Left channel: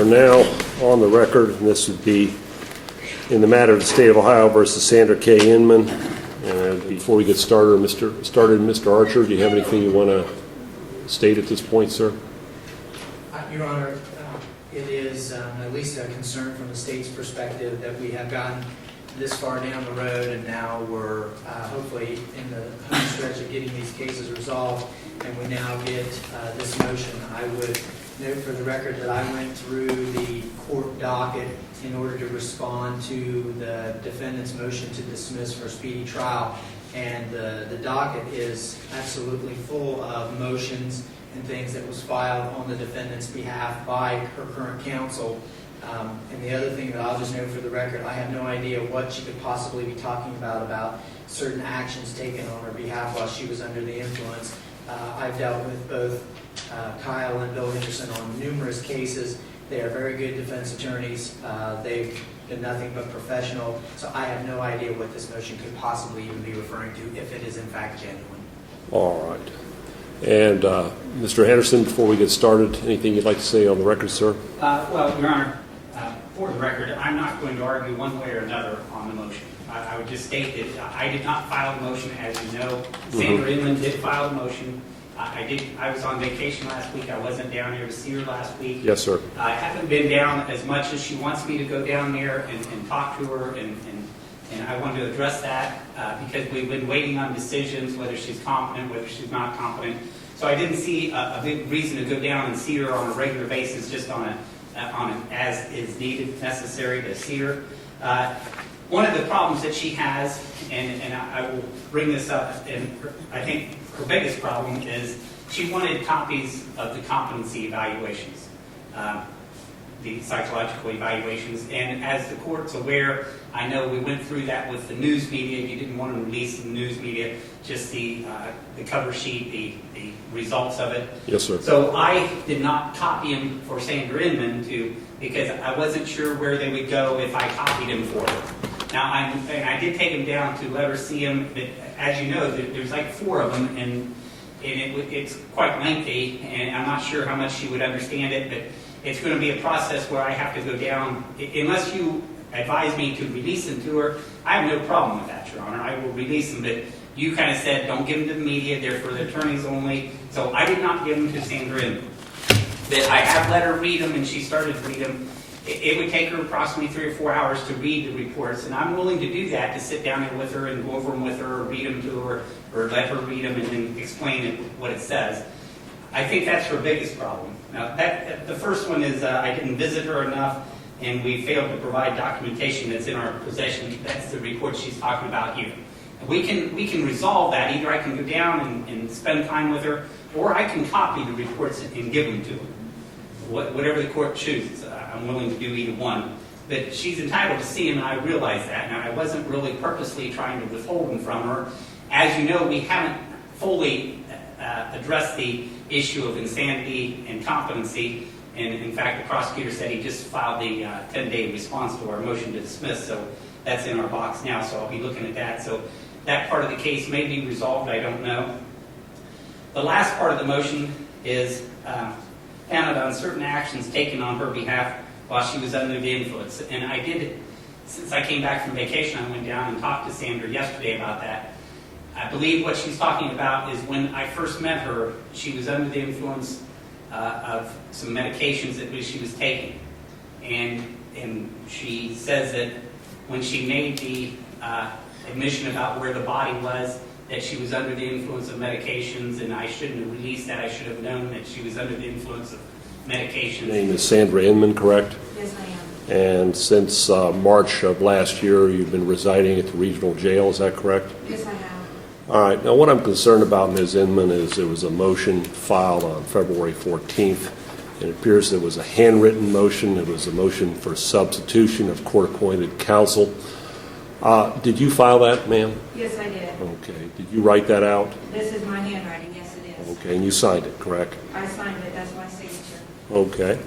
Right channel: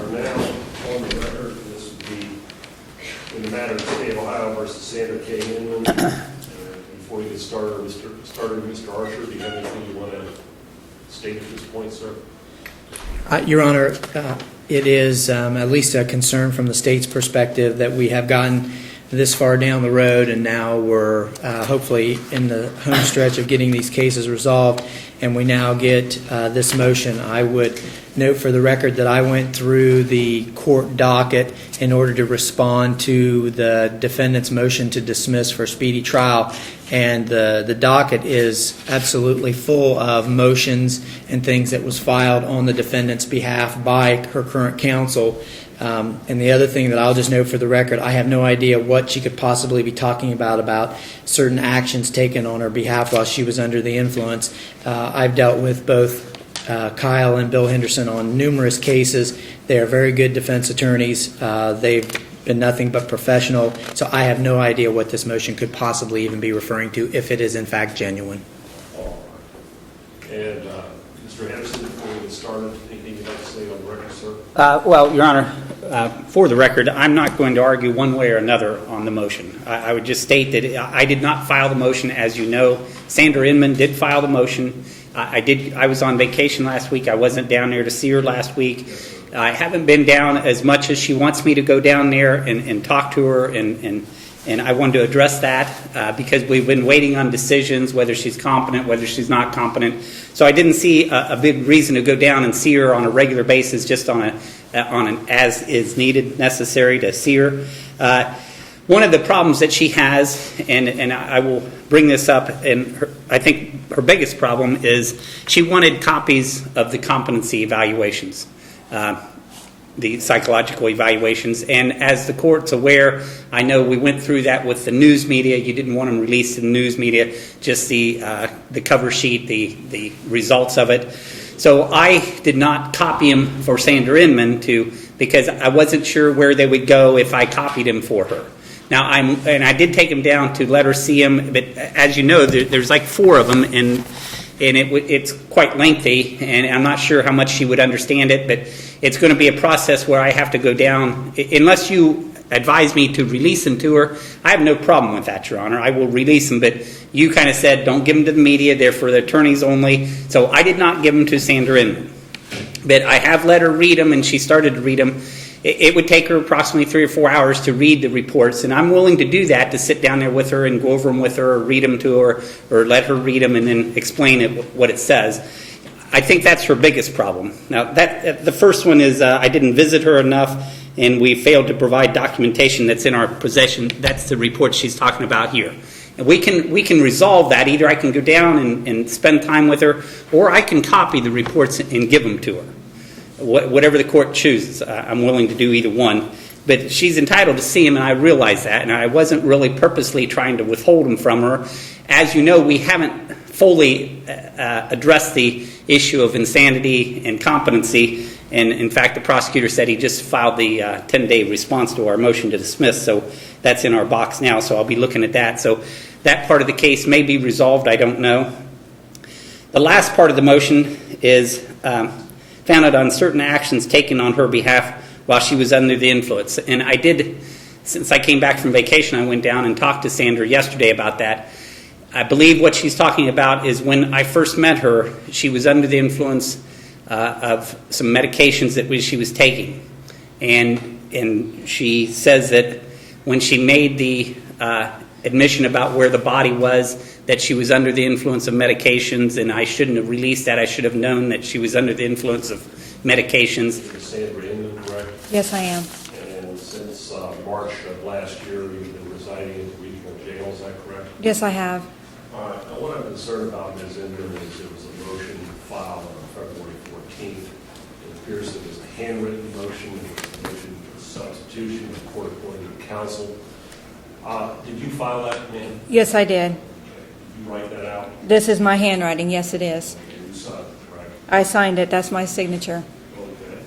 are now on the record, and this would be in the matter of the State of Ohio versus Sandra K. Inman. Before we get started, Mr. Archer, do you have anything you want to state at this point, sir? Your Honor, it is at least a concern from the state's perspective that we have gotten this far down the road, and now we're hopefully in the home stretch of getting these cases resolved, and we now get this motion. I would note for the record that I went through the court docket in order to respond to the defendant's motion to dismiss for speedy trial, and the docket is absolutely full of motions and things that was filed on the defendant's behalf by her current counsel. And the other thing that I'll just note for the record, I have no idea what she could possibly be talking about certain actions taken on her behalf while she was under the influence. I've dealt with both Kyle and Bill Henderson on numerous cases. They are very good defense attorneys. They've been nothing but professional, so I have no idea what this motion could possibly even be referring to, if it is in fact genuine. All right. And Mr. Henderson, before we get started, anything you'd like to say on the record, sir? Well, Your Honor, for the record, I'm not going to argue one way or another on the motion. I would just state that I did not file the motion, as you know. Sandra Inman did file the motion. I was on vacation last week. I wasn't down there to see her last week. Yes, sir. I haven't been down as much as she wants me to go down there and talk to her, and I wanted to address that because we've been waiting on decisions, whether she's competent, whether she's not competent. So I didn't see a big reason to go down and see her on a regular basis, just on an as is needed, necessary to see her. One of the problems that she has, and I will bring this up, and I think her biggest problem is she wanted copies of the competency evaluations, the psychological evaluations. And as the court's aware, I know we went through that with the news media. You didn't want them released in the news media, just the cover sheet, the results of it. Yes, sir. So I did not copy them for Sandra Inman because I wasn't sure where they would go if I copied them for her. Now, I did take them down to let her see them, but as you know, there's like 4 of them, and it's quite lengthy, and I'm not sure how much she would understand it, but it's going to be a process where I have to go down. Unless you advise me to release them to her, I have no problem with that, Your Honor. I will release them, but you kind of said don't give them to the media, they're for the attorneys only, so I did not give them to Sandra Inman. But I have let her read them, and she started to read them. It would take her approximately 3 or 4 hours to read the reports, and I'm willing to do that, to sit down there with her and go over them with her, or read them to her, or let her read them and then explain what it says. I think that's her biggest problem. Now, the first one is I didn't visit her enough, and we failed to provide documentation that's in our possession. That's the report she's talking about here. And we can resolve that. Either I can go down and spend time with her, or I can copy the reports and give them to her. Whatever the court chooses, I'm willing to do either one. But she's entitled to see him, and I realize that, and I wasn't really purposely trying to withhold him from her. As you know, we haven't fully addressed the issue of insanity and competency, and in fact, the prosecutor said he just filed the 10-day response to our motion to dismiss, so that's in our box now, so I'll be looking at that. So that part of the case may be resolved, I don't know. The last part of the motion is founded on certain actions taken on her behalf while she was under the influence. And I did, since I came back from vacation, I went down and talked to Sandra yesterday about that. I believe what she's talking about is when I first met her, she was under the influence of some medications that she was taking. And she says that when she made the admission about where the body was, that she was under the influence of medications, and I shouldn't have released that. I should have known that she was under the influence of medications. Your name is Sandra Inman, correct? Yes, I am. And since March of last year, you've been residing at the regional jail, is that correct? Yes, I have. All right. Now, what I'm concerned about, Ms. Inman, is there was a motion filed on February 14th. It appears it was a handwritten motion. It was a motion for substitution of court-appointed counsel. Did you file that, ma'am? Yes, I did. Okay. Did you write that out? This is my handwriting. Yes, it is. Okay. And you signed it, correct? I signed it. That's my signature. Okay.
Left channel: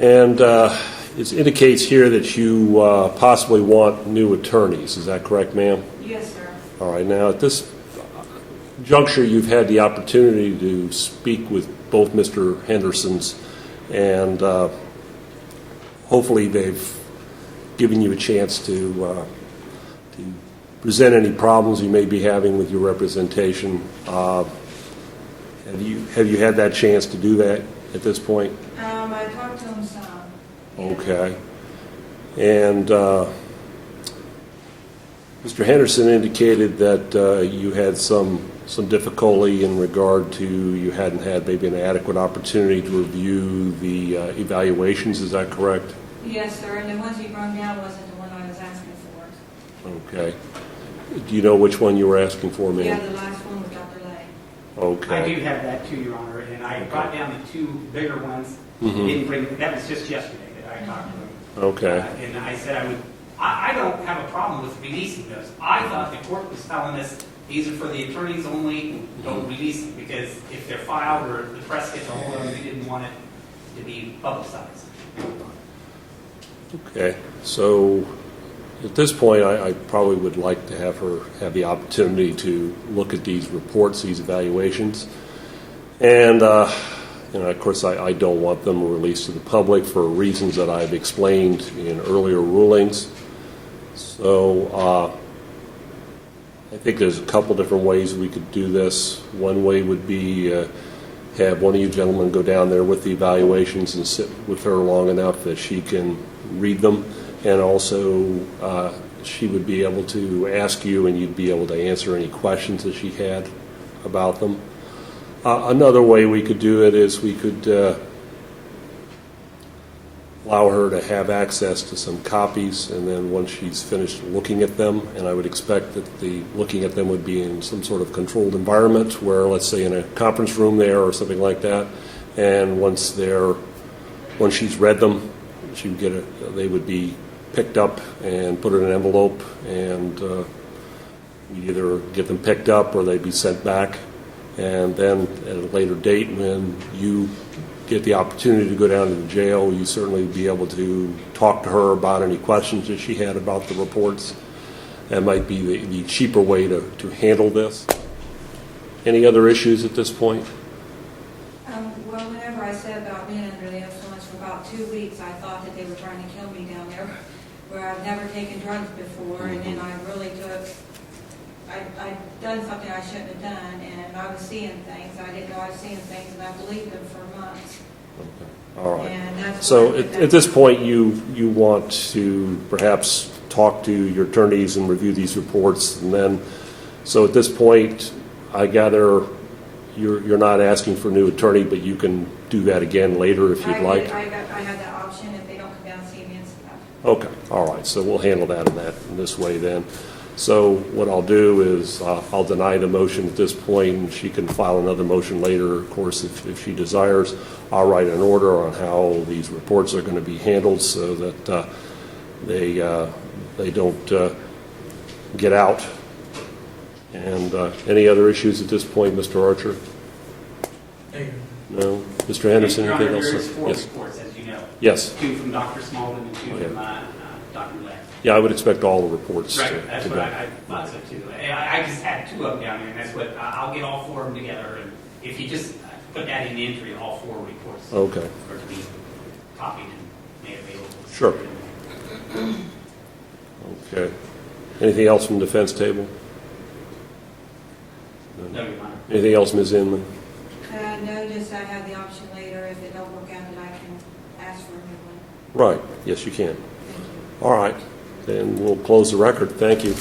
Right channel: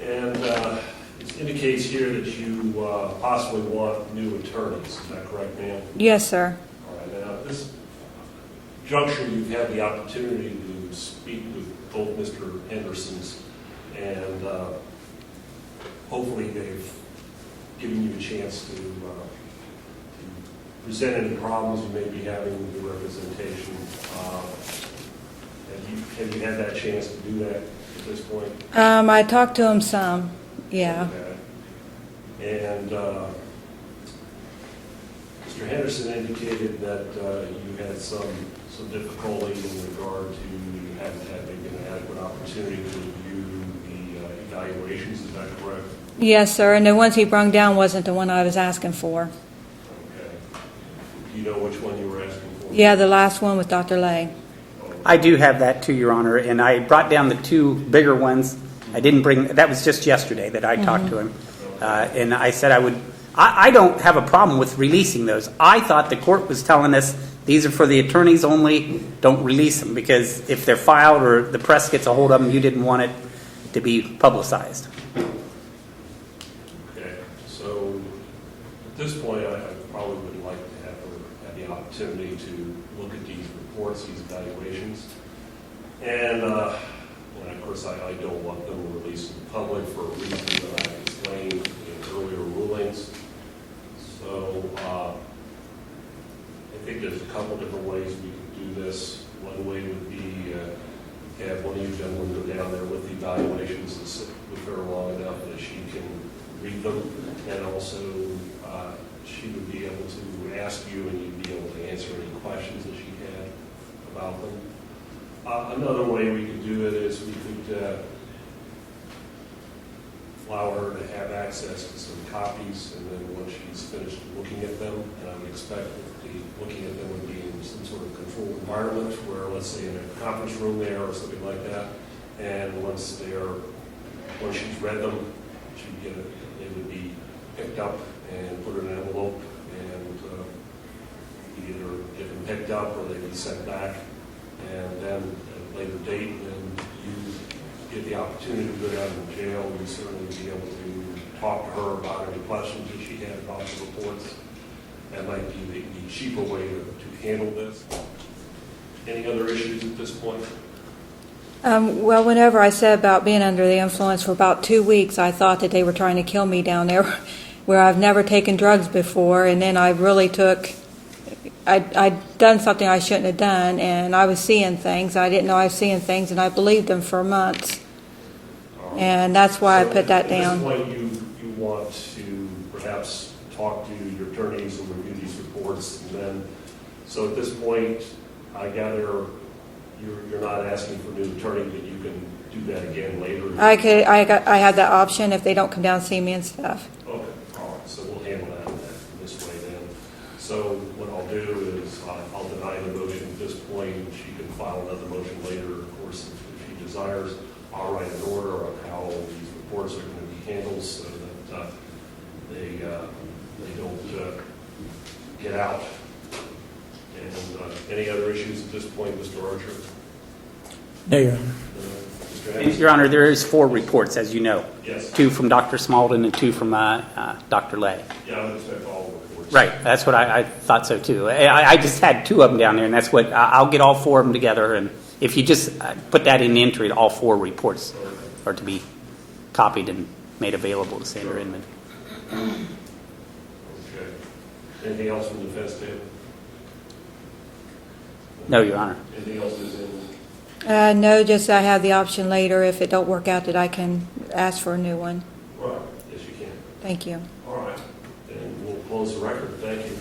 And it indicates here that you possibly want new attorneys. Is that correct, ma'am? Yes, sir. All right. Now, at this juncture, you've had the opportunity to speak with both Mr. Henderson's And hopefully they've given you a chance to present any problems you may be having with your representation. Have you had that chance to do that at this point? I talked to him some, yeah. Okay. And Mr. Henderson indicated that you had some difficulty in regard to you hadn't had maybe an adequate opportunity to review the evaluations. Is that correct? Yes, sir, and the ones he brung down wasn't the one I was asking for. Okay. Do you know which one you were asking for? ma'am? Yeah, the last one with Dr. Lay. Okay. I do have that too, Your Honor, and I brought down the two bigger ones. I didn't bring, that was just yesterday that I talked to him. Okay. And I said I don't have a problem with releasing those. I thought the court was telling us these are for the attorneys only, don't release them, because if they're filed or the press gets a hold of them, you didn't want it to be publicized. Okay. So at this point, I probably would like to have her have the opportunity to look at these reports, these evaluations. And, of course, I don't want them released to the public for reasons that I've explained in earlier rulings. So I think there's a couple different ways we could do this. One way would be have one of you gentlemen go down there with the evaluations and sit with her long enough that she can read them. And also, she would be able to ask you, and you'd be able to answer any questions that she had about them. Another way we could do it is we could allow her to have access to some copies, and then once she's finished looking at them, and I would expect that the looking at them would be in some sort of controlled environment, where, let's say, in a conference room there or something like that, and once she's read them, she would they would be picked up and put in an envelope, and we either get them picked up or they'd be sent back. And then at a later date, when you get the opportunity to go down to the jail, you certainly be able to talk to her about any questions that she had about the reports. That might be the cheaper way to handle this. Any other issues at this point? Well, whenever I said about being under the influence for about 2 weeks, I thought that they were trying to kill me down there, where I've never taken drugs before, and then I really I'd done something I shouldn't have done, and I was seeing things. I didn't know I was seeing things, and I believed them for months. All right. And that's why I put that down. At this point, you want to perhaps talk to your attorneys and review these reports, and then, so at this point, I gather you're not asking for a new attorney, but you can do that again later if you'd like. I had that option if they don't come down and see me and stuff. Okay, all right, so we'll handle that in this way then. So what I'll do is I'll deny the motion at this point, and she can file another motion later, of course, if she desires. I'll write an order on how these reports are going to be handled so that they don't get out. And any other issues at this point, Mr. Archer? No, Your Honor. No? Mr. Henderson? Your Honor, there anything is else? 4 Yes. reports, as you know. Yes. 2 from Dr. Smalden and 2 from Dr. Lay. Yeah, I would expect all the reports. Right, that's what I thought so too. I just had 2 of them down there, and that's what, I'll get all 4 of them together, and if you just put that in the entry, all 4 reports Okay. are to be copied and made available to Sure. Sandra Inman. Okay. Anything else from the defense table? No, Your Honor. Anything else, Ms. Inman? No, just I have the option later, if it don't work out, that I can ask for a new one. Right, yes, you can. Thank you. All right, then we'll close the record. Thank you.